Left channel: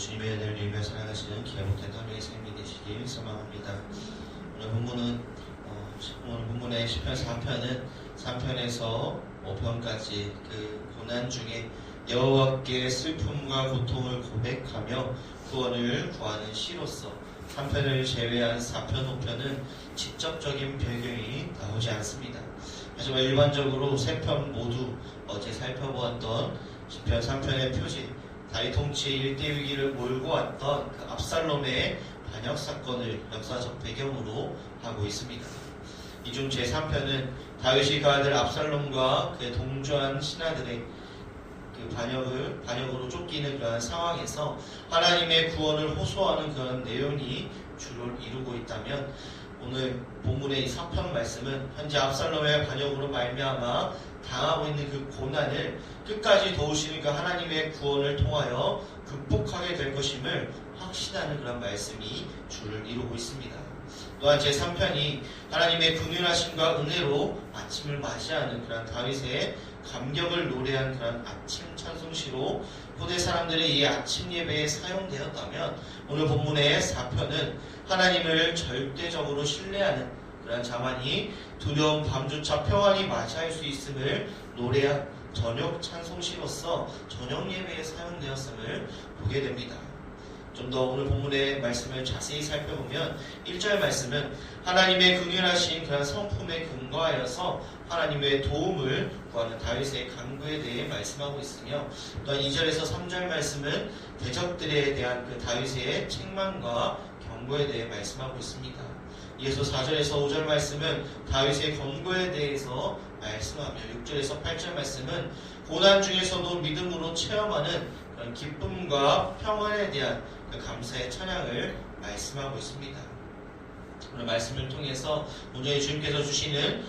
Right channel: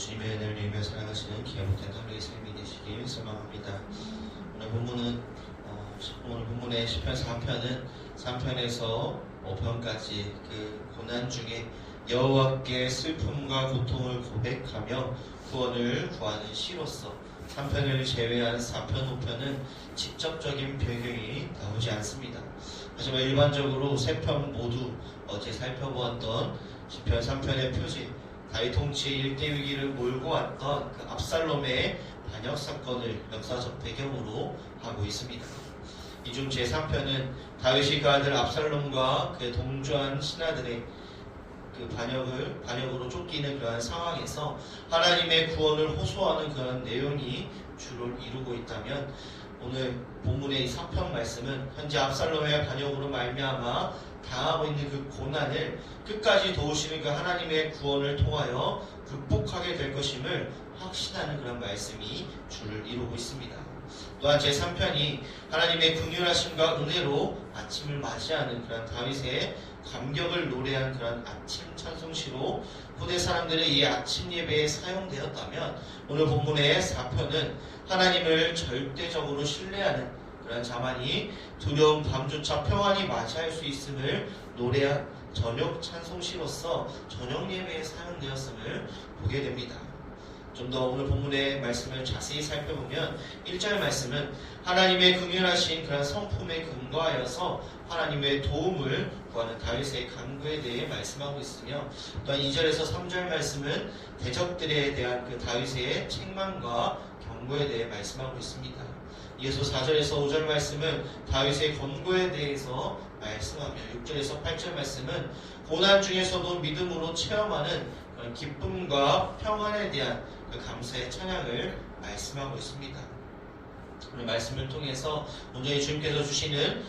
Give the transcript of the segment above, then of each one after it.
주님의 은혜를 입에 살아가시는 기업된 하루의 삶이 되시길 소망합니다. 오늘 본문의 시편 3편에서 5편까지 그 고난 중에 여호와께 슬픔과 고통을 고백하며 구원을 구하는 시로서 3편을 제외한 4편, 5편은 직접적인 변경이 나오지 않습니다. 하지만 일반적으로 3편 모두 어제 살펴보았던 시편 3편의 표지, 다윗 통치 1대 위기를 몰고 왔던 그 압살롬의 반역 사건을 역사적 배경으로 하고 있습니다. 이 중 제3편은 다윗이 그 아들 압살롬과 그의 동조한 신하들의 그 반역으로 쫓기는 그런 상황에서 하나님의 구원을 호소하는 그런 내용이 주를 이루고 있다면, 오늘 본문의 이 3편 말씀은 현재 압살롬의 반역으로 말미암아 당하고 있는 그 고난을 끝까지 도우시는 그 하나님의 구원을 통하여 극복하게 될 것임을 확신하는 그런 말씀이 주를 이루고 있습니다. 또한 제3편이 하나님의 긍휼하심과 은혜로 아침을 맞이하는 그런 다윗의 감격을 노래한 그런 아침 찬송시로 후대 사람들의 이 아침 예배에 사용되었다면, 오늘 본문의 4편은 하나님을 절대적으로 신뢰하는 그런 자만이 두려움 밤조차 평안히 맞이할 수 있음을 노래한 저녁 찬송시로서 저녁 예배에 사용되었음을 보게 됩니다. 좀 더 오늘 본문의 말씀을 자세히 살펴보면 1절 말씀은 하나님의 긍휼하신 그런 성품에 근거하여서 하나님의 도움을 구하는 다윗의 간구에 대해 말씀하고 있으며, 또한 2절에서 3절 말씀은 대적들에 대한 그 다윗의 책망과 경고에 대해 말씀하고 있습니다. 이어서 4절에서 5절 말씀은 다윗의 권고에 대해서 말씀하며, 6절에서 8절 말씀은 고난 중에서도 믿음으로 체험하는 그런 기쁨과 평안에 대한 그 감사의 찬양을 말씀하고 있습니다. 오늘 말씀을 통해서 온전히 주님께서 주시는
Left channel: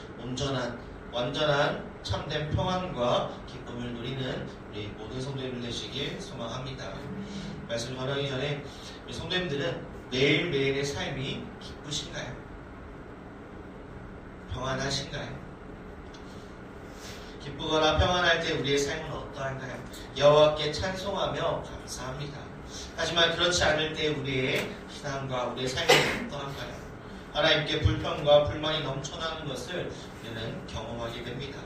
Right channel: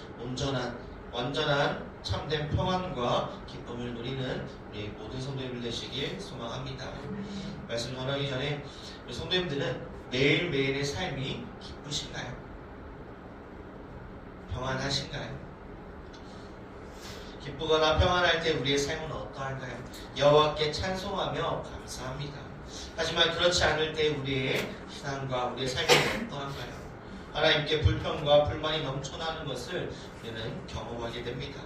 완전한 참된 평안과 기쁨을 누리는 우리 모든 성도님들 되시길 소망합니다. 말씀을 전하기 전에 우리 성도님들은 매일매일의 삶이 기쁘신가요? 평안하신가요? 기쁘거나 평안할 때 우리의 삶은 어떠한가요? 여호와께 찬송하며 감사합니다. 하지만 그렇지 않을 때 우리의 신앙과 우리의 삶이 어떠한가요? 하나님께 불평과 불만이 넘쳐나는 것을 우리는 경험하게 됩니다.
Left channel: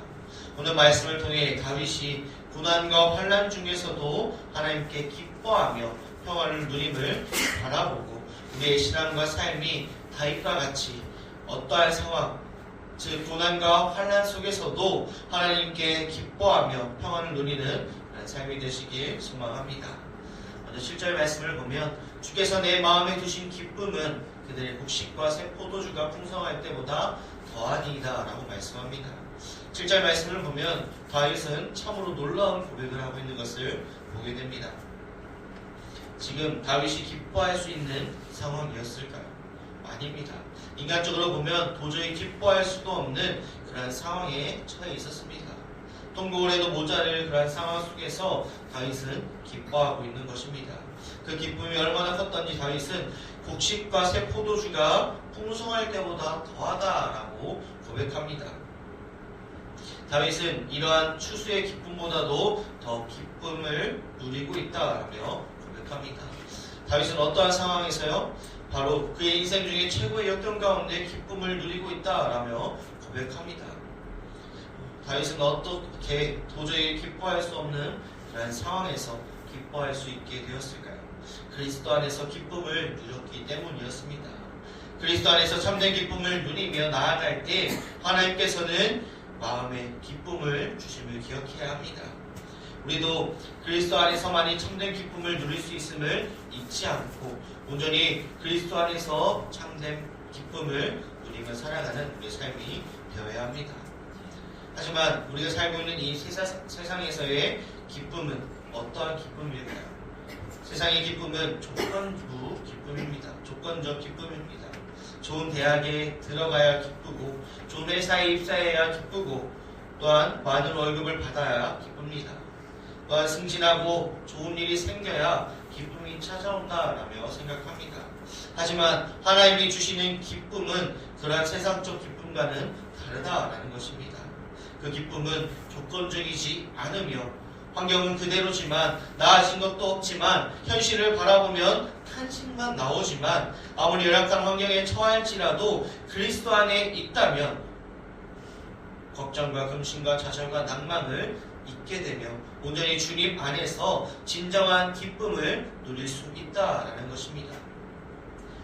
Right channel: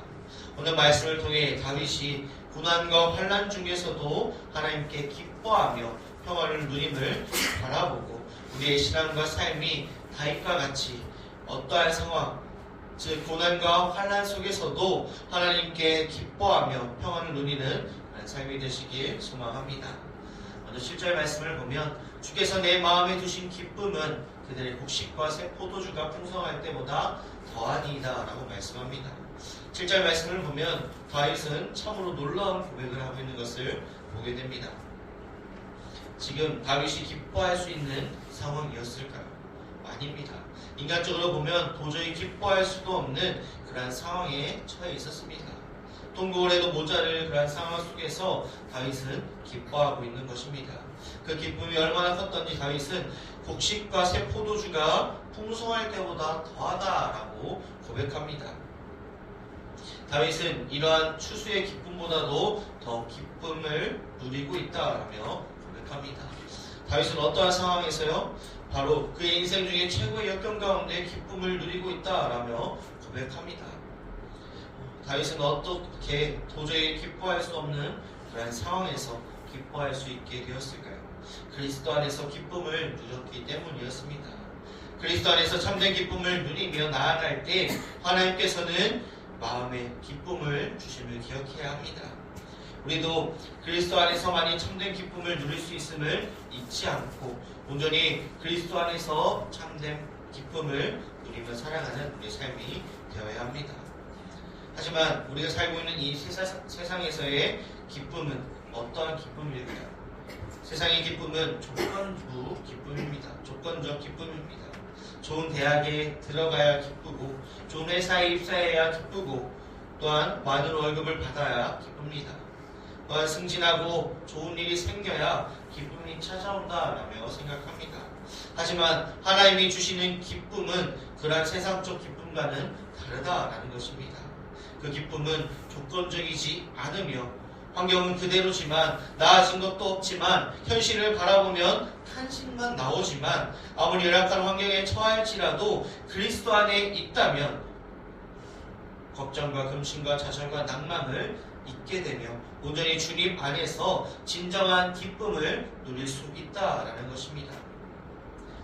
오늘 말씀을 통해 다윗이 고난과 환난 중에서도 하나님께 기뻐하며 평안을 누림을 바라보고, 우리의 신앙과 삶이 다윗과 같이 어떠한 상황, 즉 고난과 환난 속에서도 하나님께 기뻐하며 평안을 누리는 삶이 되시길 소망합니다. 오늘 7절 말씀을 보면 주께서 내 마음에 두신 기쁨은 그들의 곡식과 새 포도주가 풍성할 때보다 더하니이다 라고 말씀합니다. 7절 말씀을 보면 다윗은 참으로 놀라운 고백을 하고 있는 것을 보게 됩니다. 지금 다윗이 기뻐할 수 있는 상황이었을까요? 아닙니다. 인간적으로 보면 도저히 기뻐할 수도 없는 그러한 상황에 처해 있었습니다. 통곡을 해도 모자랄 그러한 상황 속에서 다윗은 기뻐하고 있는 것입니다. 그 기쁨이 얼마나 컸던지 다윗은 곡식과 새 포도주가 풍성할 때보다 더하다라고 고백합니다. 다윗은 이러한 추수의 기쁨보다도 더 기쁨을 누리고 있다라며 고백합니다. 다윗은 어떠한 상황에서요? 바로 그의 인생 중에 최고의 역경 가운데 기쁨을 누리고 있다라며 고백합니다. 다윗은 어떻게 도저히 기뻐할 수 없는 그런 상황에서 기뻐할 수 있게 되었을까요? 그리스도 안에서 기쁨을 누렸기 때문이었습니다. 그리스도 안에서 참된 기쁨을 누리며 나아갈 때 하나님께서는 마음의 기쁨을 주심을 기억해야 합니다. 우리도 그리스도 안에서만이 참된 기쁨을 누릴 수 있음을 잊지 않고 온전히 그리스도 안에서 참된 기쁨을 누리며 살아가는 우리의 삶이 되어야 합니다. 하지만 우리가 살고 있는 이 세상에서의 기쁨은 어떠한 기쁨일까요? 세상의 기쁨은 조건부 기쁨입니다. 조건적 기쁨입니다. 좋은 대학에 들어가야 기쁘고, 좋은 회사에 입사해야 기쁘고, 또한 많은 월급을 받아야 기쁩니다. 또한 승진하고 좋은 일이 생겨야 기쁨이 찾아온다라며 생각합니다. 하지만 하나님이 주시는 기쁨은 그러한 세상적 기쁨과는 다르다라는 것입니다. 그 기쁨은 조건적이지 않으며 환경은 그대로지만 나아진 것도 없지만 현실을 바라보면 탄식만 나오지만 아무리 열악한 환경에 처할지라도 그리스도 안에 있다면 걱정과 근심과 좌절과 낭만을 잊게 되며 온전히 주님 안에서 진정한 기쁨을 누릴 수 있다라는 것입니다.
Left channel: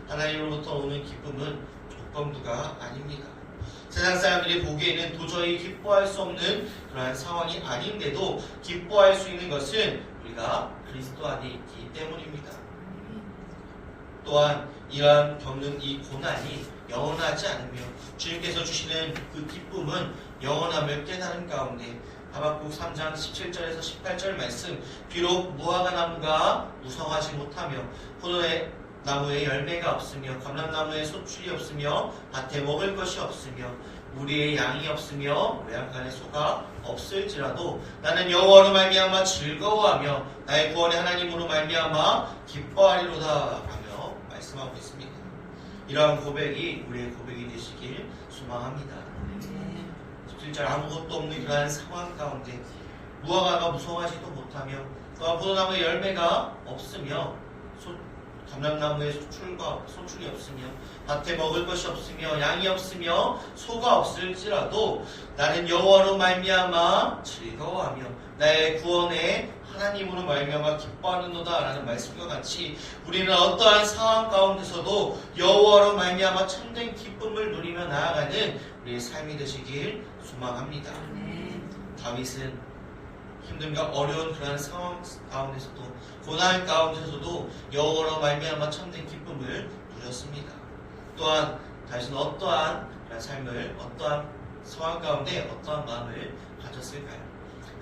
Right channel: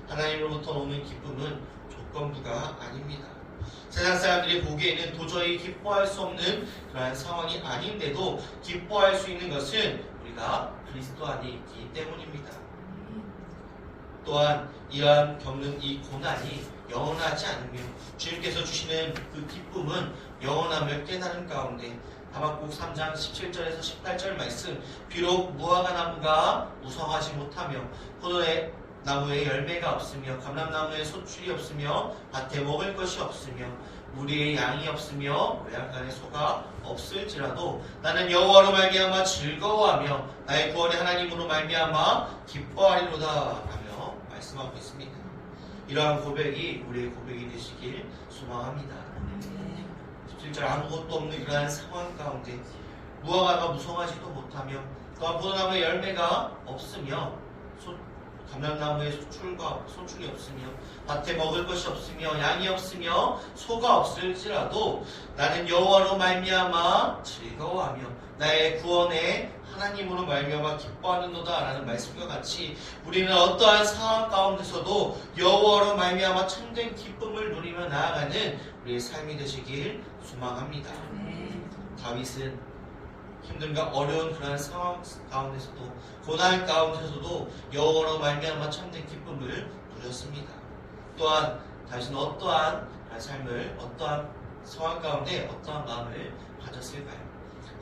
하나님으로부터 오는 기쁨은 조건부가 아닙니다. 세상 사람들이 보기에는 도저히 기뻐할 수 없는 그러한 상황이 아닌데도 기뻐할 수 있는 것은 우리가 그리스도 안에 있기 때문입니다. 또한 이러한 겪는 이 고난이 영원하지 않으며 주님께서 주시는 그 기쁨은 영원함을 깨달은 가운데 하박국 3장 17절에서 18절 말씀 비록 무화과 나무가 무성하지 못하며 포도의 나무에 열매가 없으며 감람나무에 소출이 없으며 밭에 먹을 것이 없으며 무리에 양이 없으며 외양간에 소가 없을지라도 나는 여호와로 말미암아 즐거워하며 나의 구원의 하나님으로 말미암아 기뻐하리로다 라며 말씀하고 있습니다. 이러한 고백이 우리의 고백이 되시길 소망합니다. 17절 아무것도 없는 그러한 상황 가운데 무화과가 무성하지도 못하며 또한 포도나무에 열매가 없으며 감람나무에 소출이 없으며 밭에 먹을 것이 없으며 양이 없으며 소가 없을지라도 나는 여호와로 말미암아 즐거워하며 나의 구원의 하나님으로 말미암아 기뻐하는도다 라는 말씀과 같이 우리는 어떠한 상황 가운데서도 여호와로 말미암아 참된 기쁨을 누리며 나아가는 우리의 삶이 되시길 소망합니다. 다윗은 힘듦과 어려운 그러한 상황 가운데서도 고난 가운데서도 여호와로 말미암아 참된 기쁨을 누렸습니다. 또한 다윗은 어떠한 삶을 어떠한 상황 가운데 어떠한 마음을 가졌을까요?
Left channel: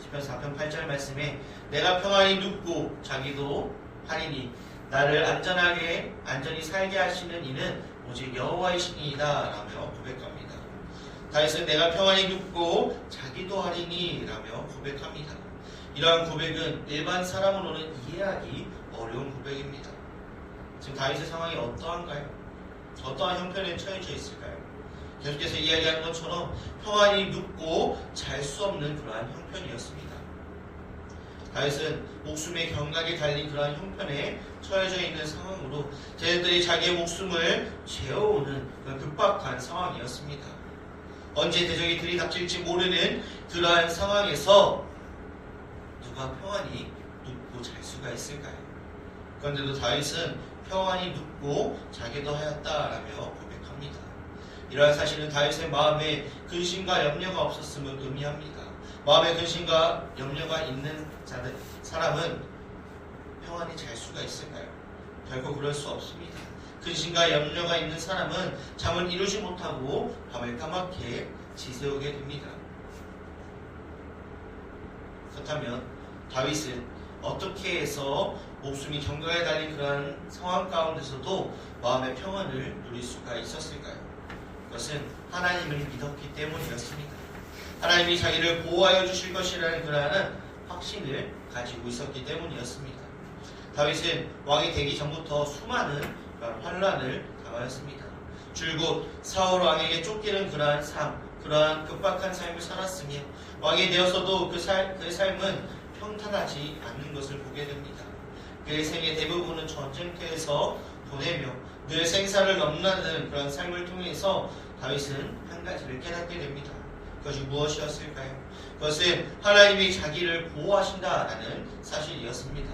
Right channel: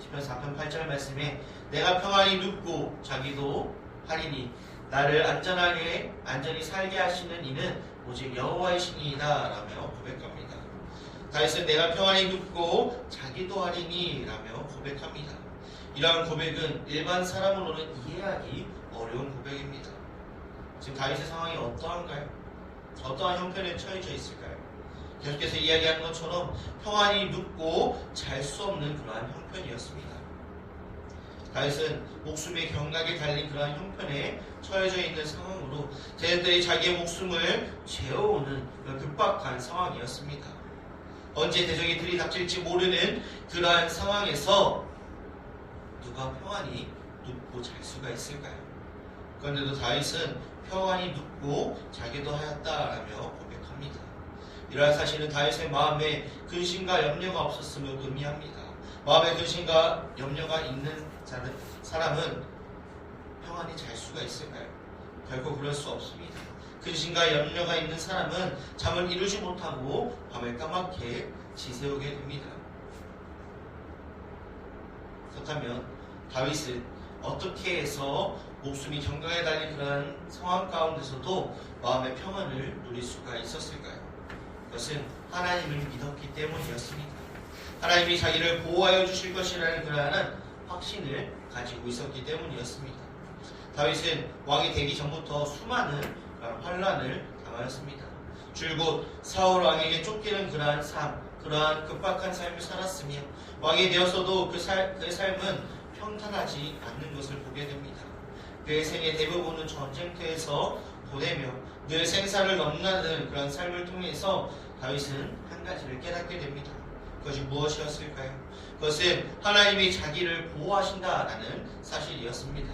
시편 4편 8절 말씀에 내가 평안히 눕고 자기도 하리니 나를 안전히 살게 하시는 이는 오직 여호와이시니이다 라며 고백합니다. 다윗은 내가 평안히 눕고 자기도 하리니 라며 고백합니다. 이러한 고백은 일반 사람으로는 이해하기 어려운 고백입니다. 지금 다윗의 상황이 어떠한가요? 어떠한 형편에 처해져 있을까요? 계속해서 이야기하는 것처럼 평안히 눕고 잘 수 없는 그러한 형편이었습니다. 다윗은 목숨의 경락에 달린 그러한 형편에 처해져 있는 상황으로 쟤들이 자기의 목숨을 죄어오는 그런 급박한 상황이었습니다. 언제 대적이 들이닥칠지 모르는 그러한 상황에서 누가 평안히 눕고 잘 수가 있을까요? 그런데도 다윗은 평안히 눕고 자기도 하였다라며 고백합니다. 이러한 사실은 다윗의 마음에 근심과 염려가 없었음을 의미합니다. 마음에 근심과 염려가 있는 사람은 평안히 잘 수가 있을까요? 결코 그럴 수 없습니다. 근심과 염려가 있는 사람은 잠을 이루지 못하고 밤을 까맣게 지새우게 됩니다. 그렇다면 다윗은 어떻게 해서 목숨이 경각에 달린 그런 상황 가운데서도 마음의 평안을 누릴 수가 있었을까요? 그것은 하나님을 믿었기 때문이었습니다. 하나님이 자기를 보호하여 주실 것이라는 그러한 확신을 가지고 있었기 때문이었습니다. 다윗은 왕이 되기 전부터 수많은 환난을 당하였습니다. 줄곧 사울 왕에게 쫓기는 그러한 삶, 그러한 급박한 삶을 살았으며 왕이 되어서도 그의 삶은 평탄하지 않는 것을 보게 됩니다. 그의 생의 대부분은 전쟁터에서 보내며 늘 생사를 넘나드는 그런 삶을 통해서 다윗은 한 가지를 깨닫게 됩니다. 그것이 무엇이었을까요? 그것은 하나님이 자기를 보호하신다라는 사실이었습니다.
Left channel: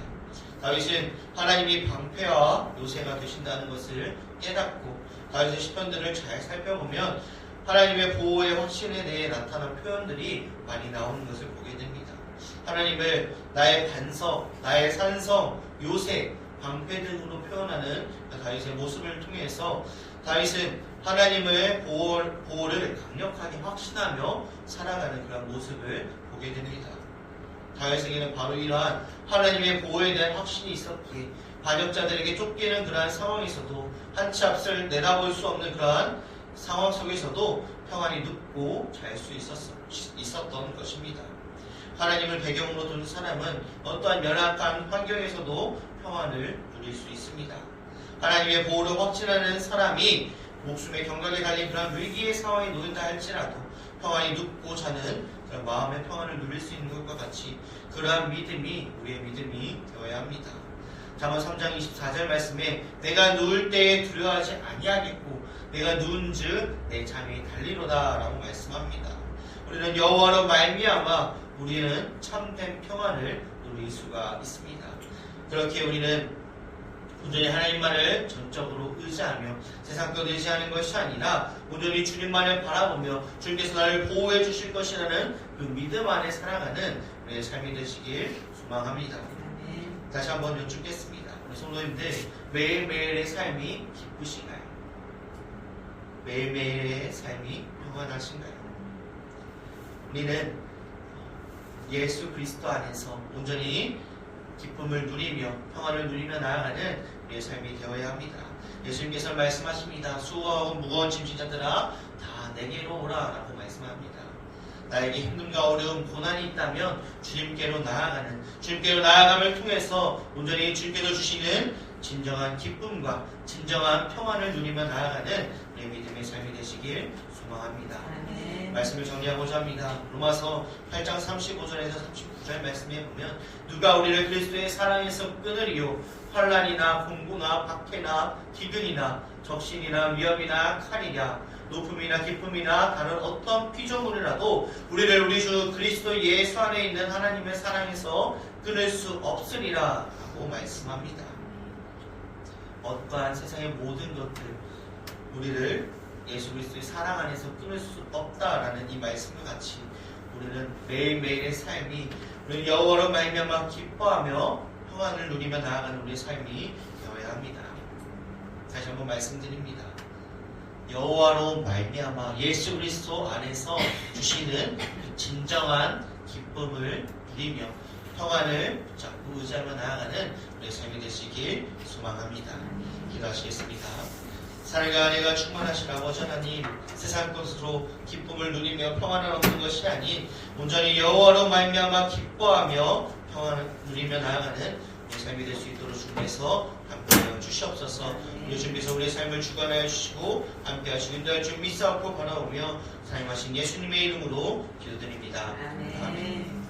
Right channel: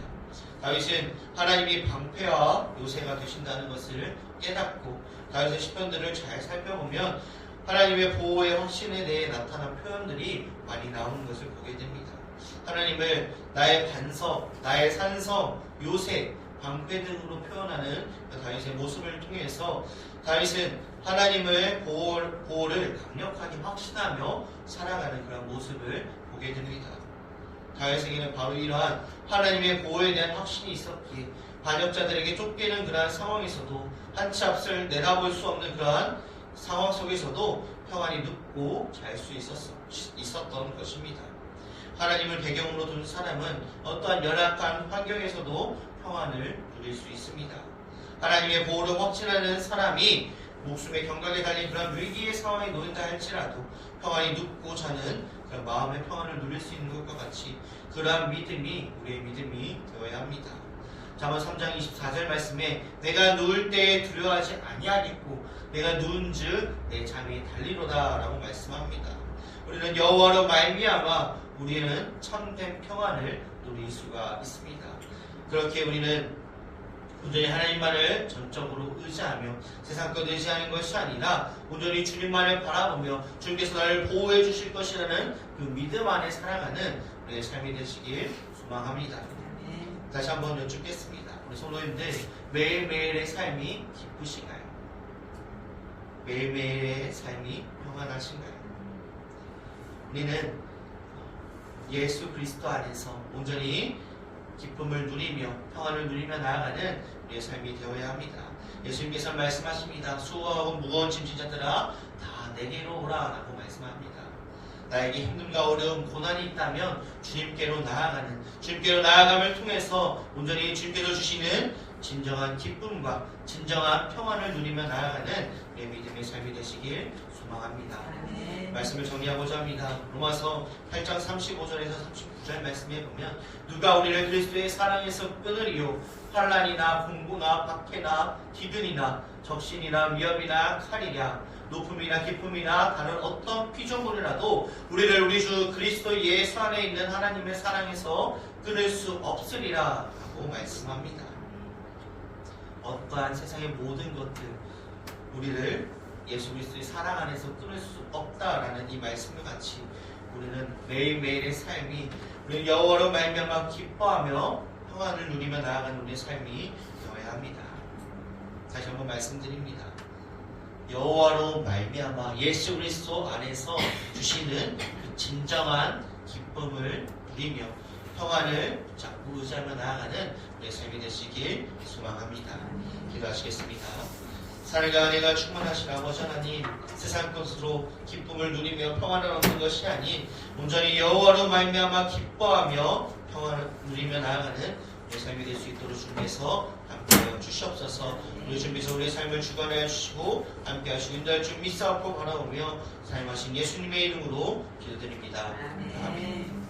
다윗은 하나님이 방패와 요새가 되신다는 것을 깨닫고 다윗의 시편들을 잘 살펴보면 하나님의 보호의 확신에 대해 나타난 표현들이 많이 나오는 것을 보게 됩니다. 하나님을 나의 반석, 나의 산성, 요새, 방패 등으로 표현하는 다윗의 모습을 통해서 다윗은 하나님의 보호를 강력하게 확신하며 살아가는 그런 모습을 보게 됩니다. 다윗에게는 바로 이러한 하나님의 보호에 대한 확신이 있었기에 반역자들에게 쫓기는 그러한 상황에서도 한치 앞을 내다볼 수 없는 그러한 상황 속에서도 평안히 눕고 잘 수 있었던 것입니다. 하나님을 배경으로 둔 사람은 어떠한 열악한 환경에서도 평안을 누릴 수 있습니다. 하나님의 보호를 확신하는 사람이 목숨의 경각에 달린 그런 위기의 상황에 놓인다 할지라도 평안히 눕고 자는 그런 마음의 평안을 누릴 수 있는 것과 같이 그러한 믿음이 우리의 믿음이 되어야 합니다. 잠언 3장 24절 말씀에 내가 누울 때에 두려워하지 아니하겠고 내가 누운즉 내 잠이 달리로다 라고 말씀합니다. 우리는 여호와로 말미암아 우리는 참된 평안을 누릴 수가 있습니다. 그렇게 우리는 온전히 하나님만을 전적으로 의지하며 세상 것 의지하는 것이 아니라 온전히 주님만을 바라보며 주님께서 나를 보호해 주실 것이라는 그 믿음 안에 살아가는 우리의 삶이 되시길 소망합니다. 다시 한번 여쭙겠습니다. 우리 성도님들 매일매일의 삶이 기쁘신가요? 매일매일의 삶이 평안하신가요? 우리는 예수 그리스도 안에서 온전히 기쁨을 누리며 평안을 누리며 나아가는 우리의 삶이 되어야 합니다. 예수님께서 말씀하십니다. 수고하고 무거운 짐진 자들아 다 내게로 오라 라고 말씀합니다. 나에게 힘듦과 어려움, 고난이 있다면 주님께로 나아감을 통해서 온전히 주님께서 주시는 진정한 기쁨과 진정한 평안을 누리며 나아가는 우리의 믿음의 삶이 되시길 소망합니다. 말씀을 정리하고자 합니다. 로마서 8장 35절에서 39절 말씀에 보면 누가 우리를 그리스도의 사랑에서 끊으리요 환난이나 공고나 박해나 기근이나 적신이나 위험이나 칼이냐 높음이나 기쁨이나 다른 어떤 피조물이라도 우리를 우리 주 그리스도 예수 안에 있는 하나님의 사랑에서 끊을 수 없으리라 라고 말씀합니다. 어떠한 세상의 모든 것들 우리를 예수 그리스도의 사랑 안에서 끊을 수 없다라는 이 말씀과 같이 우리는 매일매일의 삶이 우리는 여호와로 말미암아 기뻐하며 평안을 누리며 나아가는 우리의 삶이 되어야 합니다. 다시 한번 말씀드립니다. 여호와로 말미암아 예수 그리스도 안에서 주시는 그 진정한 기쁨을 누리며 평안을 붙잡고 의지하며 나아가는 우리의 삶이 되시길 소망합니다. 기도하시겠습니다. 사랑과 은혜가 충만하신 아버지 하나님, 세상 것으로 기쁨을 누리며 평안을 얻는 것이 아닌 온전히 여호와로 말미암아 기뻐하며 평안을 누리며 나아가는 우리의 삶이 될 수 있도록 주님께서 함께하여 주시옵소서. 우리 주님께서 우리의 삶을 주관하여 주시고 함께하시고 인도할 주 믿사옵고 바라보며 사용하신 예수님의 이름으로 기도드립니다. 아멘.